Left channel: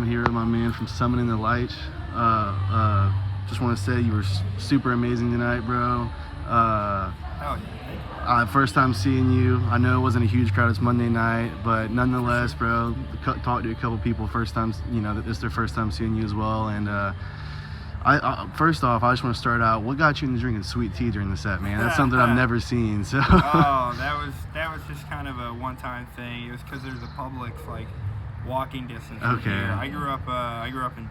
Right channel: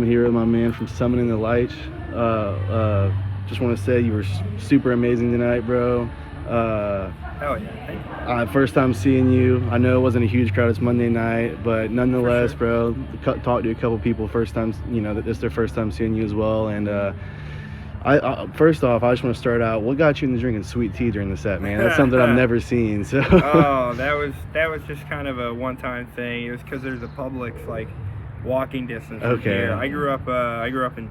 I'm here with my man from Summoning The Lich. Just want to say you were super amazing tonight, bro. Hell yeah, thank you. First time seeing you. I know it wasn't a huge crowd. It's Monday night, but nonetheless, sure. bro, talked to a couple people first time. You know that this is their first time seeing you as well. And first off, I just want to start out. What got you into drinking sweet tea during the set, man? That's something I've never seen. So. Oh, that was just kind of a one-time thing. It was because there's a Publix like walking distance. From Okay. here. I grew up in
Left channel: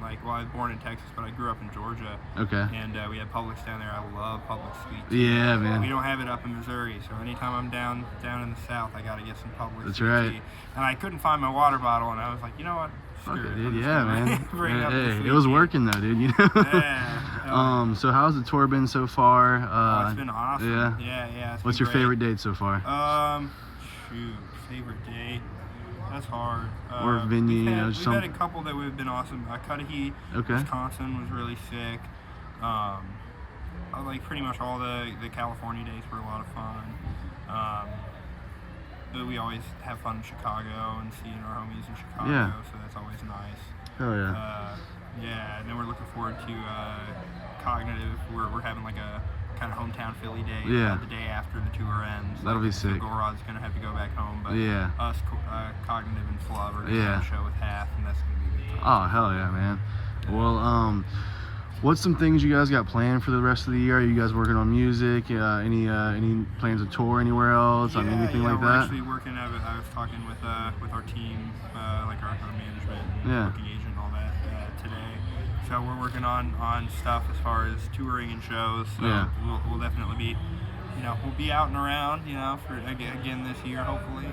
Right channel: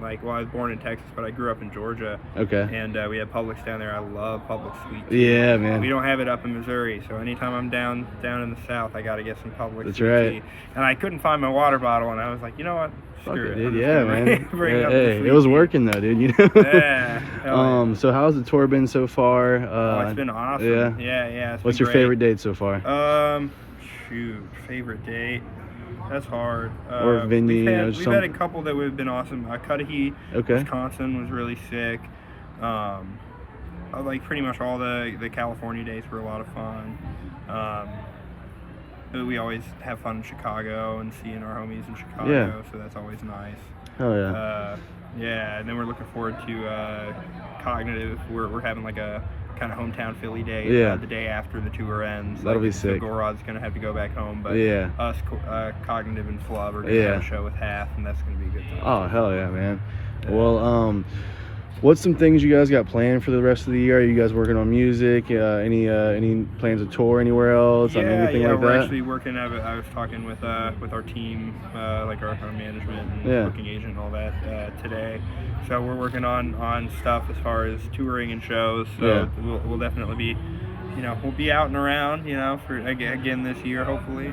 I was born in Texas, but I grew up in Georgia. Okay. And we had Publix down there. I love Publix sweet tea. Yeah, man. We don't have it up in Missouri, so anytime I'm down in the South, I got to get some Publix That's sweet right. tea. And I couldn't find my water bottle, and I was like, you know what? Fuck Screw it, it. dude. I'm just Yeah, gonna man. bring up the Hey, sweet it was tea. working though, dude. You know. Yeah. So how's the tour been so far? It's been awesome. Yeah. It's What's been your great. favorite date so far? Favorite date. That's hard. Or venue, we've had a couple that have been awesome. Cudahy, Okay. Wisconsin was really sick. Like pretty much all the California dates were a lot of fun. But we always have fun in Chicago and seeing our homies in Chicago, Yeah. so that's always nice. Hell yeah. Yeah, and then we're looking forward to Cognitive. We're having like a kind of hometown Philly day. Yeah. The day after the tour ends. That'll be so sick. Gorod's gonna have to go back home, but Yeah. us, Cognitive and Flub are gonna Yeah. have a show with Half, and that's gonna be a good time. Oh, hell yeah, man. Yeah. Well, what's some things you guys got planned for the rest of the year? Are you guys working on music? Any plans to tour anywhere else? Yeah, Anything like we're that? actually working. I was talking with our team, like our management and Yeah. booking agent and all that today. So we're working on stuff as far as touring and shows. So Yeah. we'll definitely be, we'll be out and around, for again this year, hopefully,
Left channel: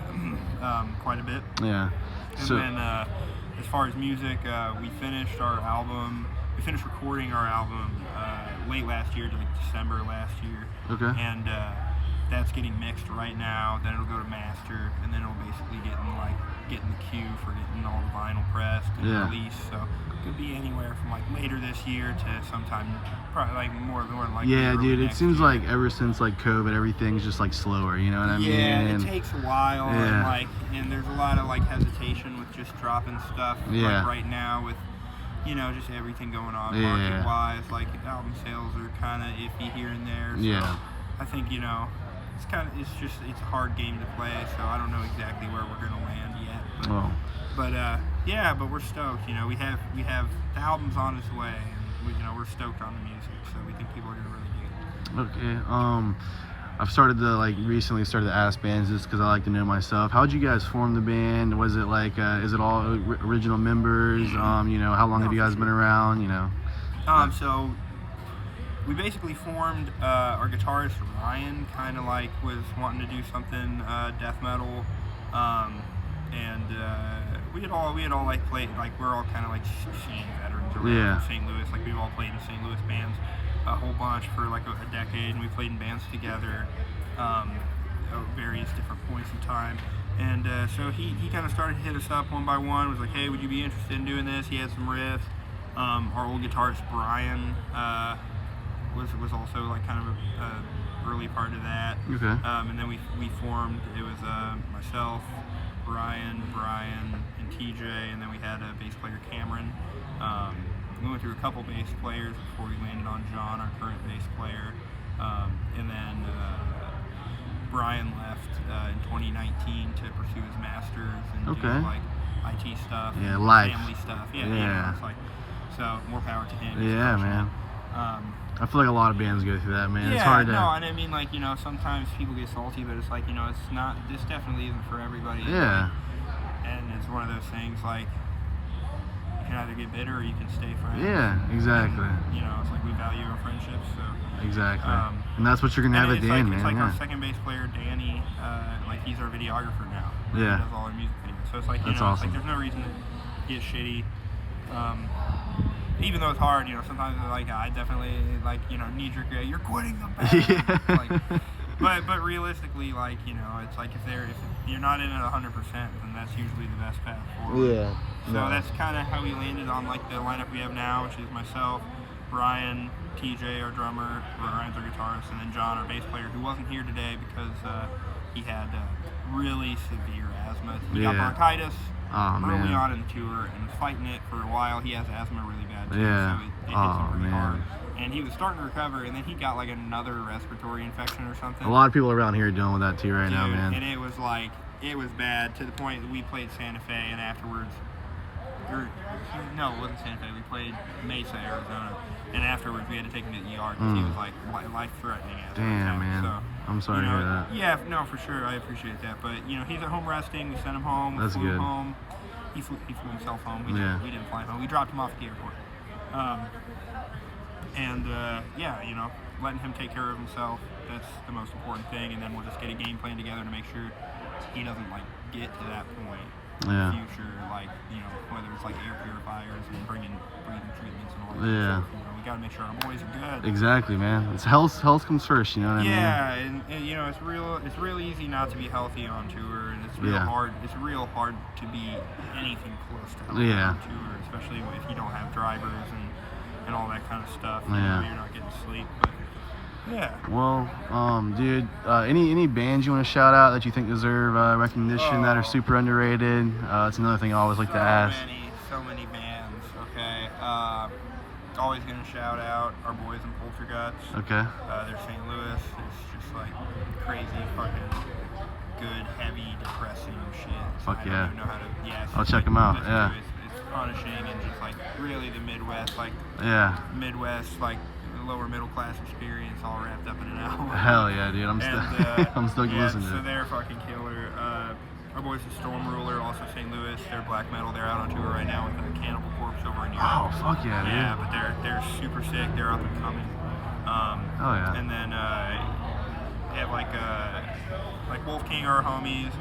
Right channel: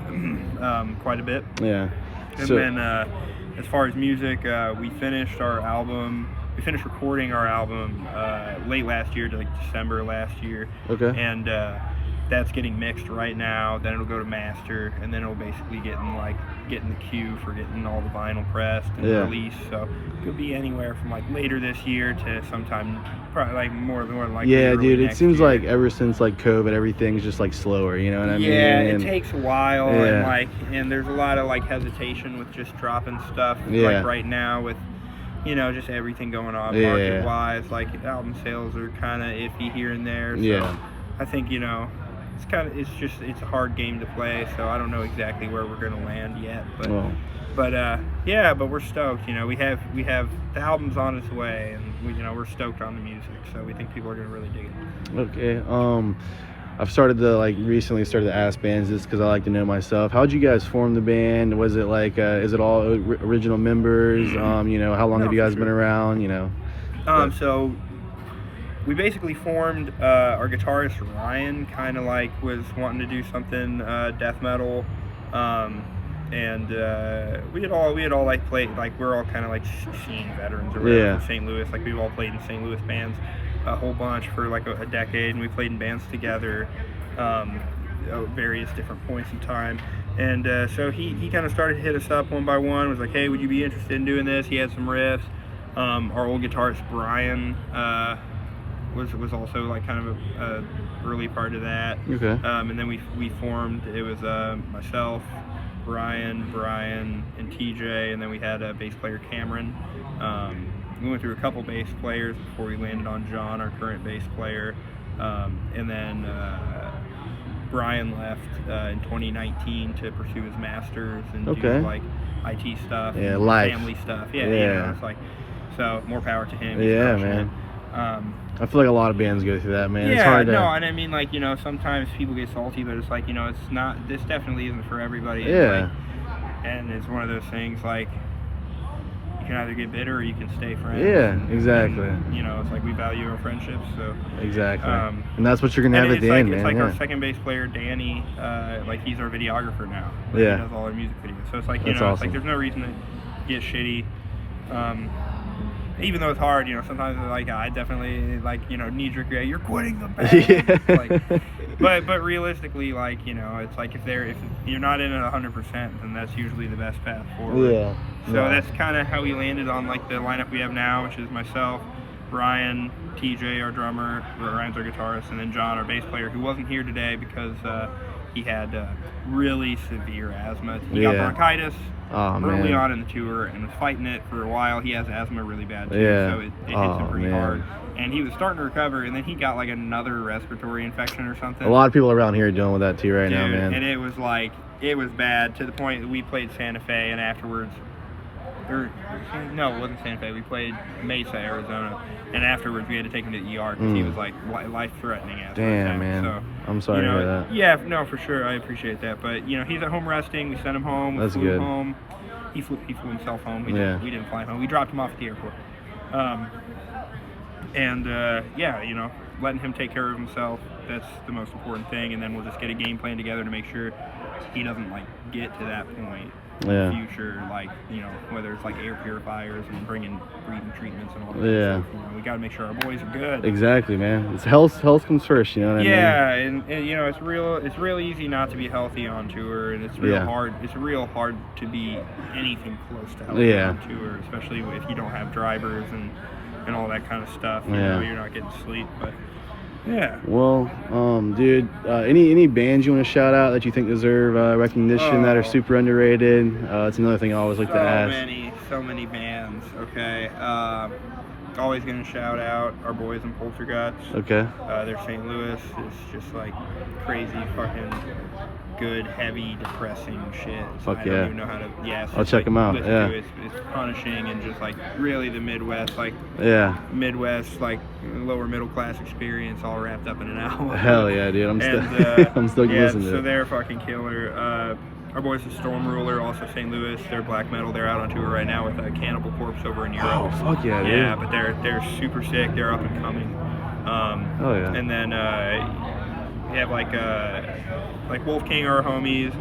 quite a bit. Yeah. And So, then as far as music, we finished our album. We finished recording our album late last year, to like December last year. okay. And that's getting mixed right now. Then it'll go to master, and then it'll basically get in the queue for getting all the vinyl pressed and Yeah. released. So it could be anywhere from like later this year to sometime, probably like more like Yeah, early dude. It next seems year. like ever since like COVID, everything's just like slower. You know what I mean? Yeah, it And- takes a while, Yeah. and there's a lot of like hesitation with just dropping stuff Yeah. like right now with just everything going on Yeah. market wise. Like album sales are kind of iffy here and there. So Yeah. I think it's a hard game to play. So I don't know exactly where we're gonna land yet, but Well, but we're stoked. We have the album's on its way, and we're stoked on the music. So we think people are gonna really dig it. okay. I've recently started to ask bands just because I like to know myself. How'd you guys form the band? Was it like, is it all original members? How long have you guys been around? So we basically formed, our guitarist Ryan kind of like was wanting to do something death metal, and we had all like played, like we're all kind of like scene veterans or whatever, Yeah. from St. Louis. Like we've all played in St. Louis bands a whole bunch for like a decade, and we played in bands together at various different points in time. And so he kind of started to hit us up one by one, was like, hey, would you be interested in doing this? He had some riffs. Our old guitarist Brian was also like kind of a early part of that. Okay. And then we formed, it was myself, Brian, and TJ, and then we had a bass player Cameron. We went through a couple bass players before we landed on John, our current bass player. And then Brian left in 2019 to pursue his master's and do like IT stuff, Yeah, and life. family stuff. Yeah. It's like, so more power to him. He's Yeah, crushing man. it. I feel like a lot of bands go through that, man. Yeah, It's hard to. no, and I mean, like, sometimes people get salty, but it's like, it's not, this definitely isn't for everybody. Yeah. And it's one of those things, like, you can either get bitter or you can stay friends. Yeah, exactly. And, it's like we value our friendships, so. Exactly. And that's what you're gonna have at the end, man. It's like yeah. our second bass player, Danny, like, he's our videographer now. Like, Yeah. He does all our music videos. So it's like, That's it's awesome. like there's no reason to get shitty. Even though it's hard, sometimes like I definitely like, knee-jerk, you're quitting the band. Yeah. But realistically, like, it's like if you're not in it 100%, then that's usually the best path forward. Yeah. So that's kind of how we landed on like the lineup we have now, which is myself, Brian, TJ, our drummer, Ryan's our guitarist, and then John, our bass player, who wasn't here today because he had really severe asthma. He got Yeah. bronchitis Oh, early man. on in the tour and was fighting it for a while. He has asthma really bad too, Yeah. so it hits Oh, him pretty man. hard. And he was starting to recover, and then he got like another respiratory infection or something. A lot of people around here are dealing with that too right now, Dude, man. And it was like, it was bad to the point that we played Santa Fe, and afterwards, no, it wasn't Santa Fe. We played Mesa, Arizona, and afterwards we had to take him to the ER because he was like life-threatening. Damn, man. So, I'm sorry to hear that. Yeah, no, for sure. I appreciate that. But you know, he's at home resting. We sent him home. That's we flew good. him home. He flew himself home. We didn't fly him home. We dropped him off at the airport. Yeah, you know, letting him take care of himself, that's the most important thing, and then we'll just get a game plan together to make sure he doesn't like get to that point in the future, like, you know, whether it's like air purifiers and bringing breathing treatments and all that stuff. You know, we got to make sure our boys are good. Exactly, man. It's health comes first, you know what I mean? Yeah, and you know, it's real easy not to be healthy on tour, and it's real hard to be anything close to healthy on tour, especially if you don't have drivers and all that kind of stuff. You know, you're not getting sleep, but yeah. Well, dude, any bands you want to shout out that you think deserve recognition that are super underrated? It's another thing I always like to ask. So many bands. Okay. Always gonna shout out our boys in Polterguts. Okay. Their St. Louis is just like crazy fucking good, heavy, depressing shit. Fuck I yeah. don't even know how to. Yeah. I'll check them out. Yeah. It's punishing and just like really the Midwest, like Midwest, like lower middle class experience, all wrapped up in an album. Hell yeah, dude! I'm still listening to So it. they're fucking killer. Our boys at Storm Ruler, also St. Louis. They're black metal. They're out on tour right now with Cannibal Corpse over in Europe. Oh fuck yeah, dude! Yeah, but they're super sick. They're up and coming. Oh yeah. And then we have like Wolf King, our homies.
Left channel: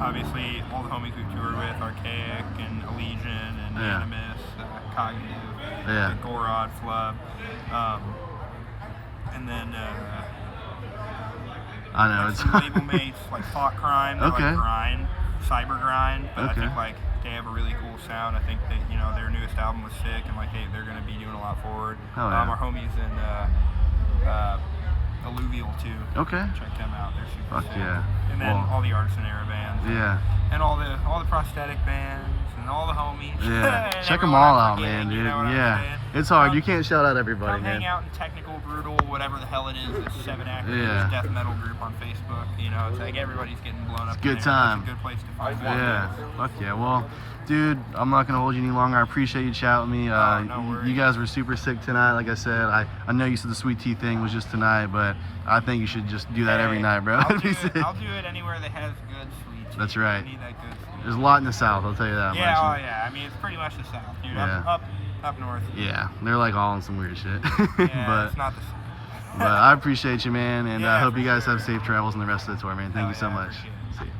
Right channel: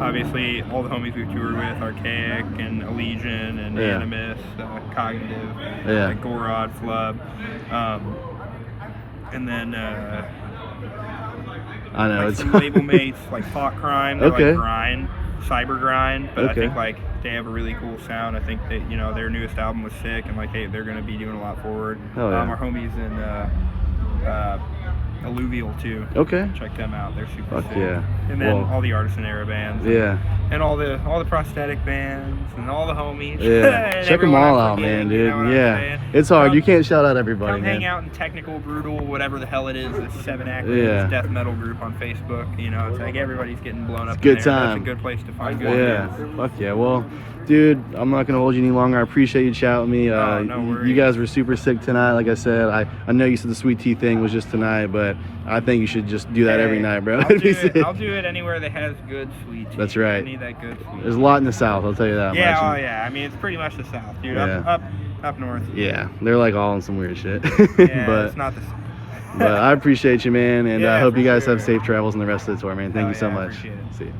Obviously, all the homies we've toured with, Archaic and Allegiant and Animus, Cognitive, Gorod, Flub. And then I know like it's some label mates like Thought Crime, they're like grind, cyber grind, but I think like they have a really cool sound. I think that, you know, their newest album was sick, and like they're gonna be doing a lot forward. Our homies in Alluvial too. Okay. Check them out. They're super sick. Yeah. And then all the Artisan Era bands. Yeah. And all the prosthetic bands and all the homies. Yeah. Check them all out, man, dude. You know Yeah. It's hard. You can't shout out everybody, come man. hang out in Technical Brutal, whatever the hell it is. It's 7 acronyms, death metal group on Facebook. You know, it's like everybody's getting blown up. Good in there. time. That's a good place to find good bands. Fuck yeah. Well, dude, I'm not gonna hold you any longer. I appreciate you chatting with me. No worries. You guys were super sick tonight. Like I said, I know you said the sweet tea thing was just tonight, but I think you should just do that every night, bro. I'll do it anywhere that has good sweet tea. That's right. I need that good sweet tea. There's a lot in the South, I'll tell you that much. Yeah, I mean, it's pretty much the South, dude. Up north. Yeah, they're like all in some weird shit. Yeah, but it's not the but I appreciate you, man, and I hope you guys sure. have safe travels in the rest of the tour, man. Thank you so much. Appreciate it. See you.